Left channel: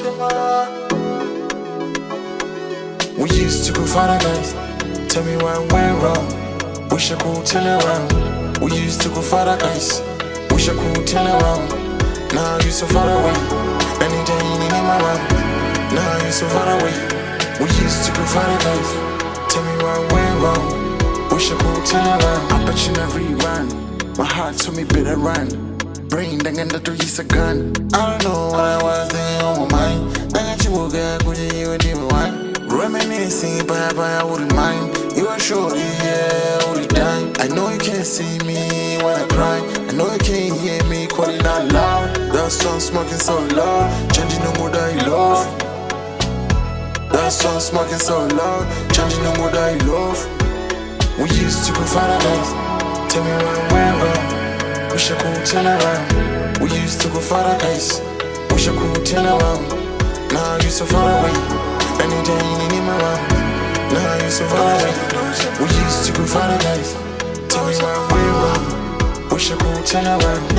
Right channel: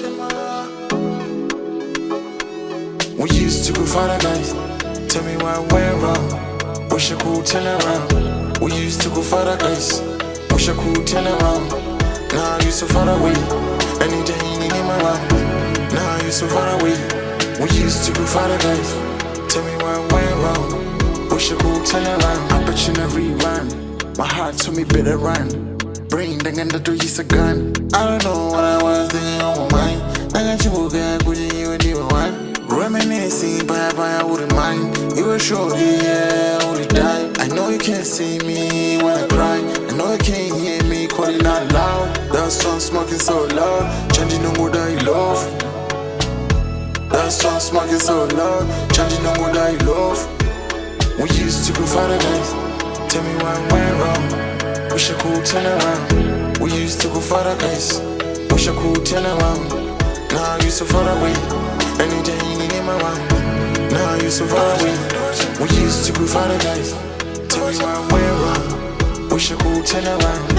We used to go farther, guys. Tell me what went wrong. Wish I could turn around. We used to go farther, guys. Wish I could turn around. Now you so far away. Anytime you need my round. Now you so far away. We used to go farther, guys. Tell me what went wrong. Wish I could turn around. Opportunity run. My heart told me better run. Brain dengan the is a gun. I don't know what I was thinking on my mind. I got you again, could you even one? Reminiscing, but I wouldn't mind. You were shorty, yeah, I would've died. I know you can't see me when I cry. I know you can't hear me calling out loud. That song smoking so loud, changing no more that you love. That song smoking so loud, changing no more that you love. We used to go farther, guys. Tell me what went wrong. Wish I could turn around. We used to go farther, guys. Wish I could turn around. Now you so far away. Anytime you need my round. Now you so far away. We used to go farther, guys. Tell me what went wrong. Wish I could turn around.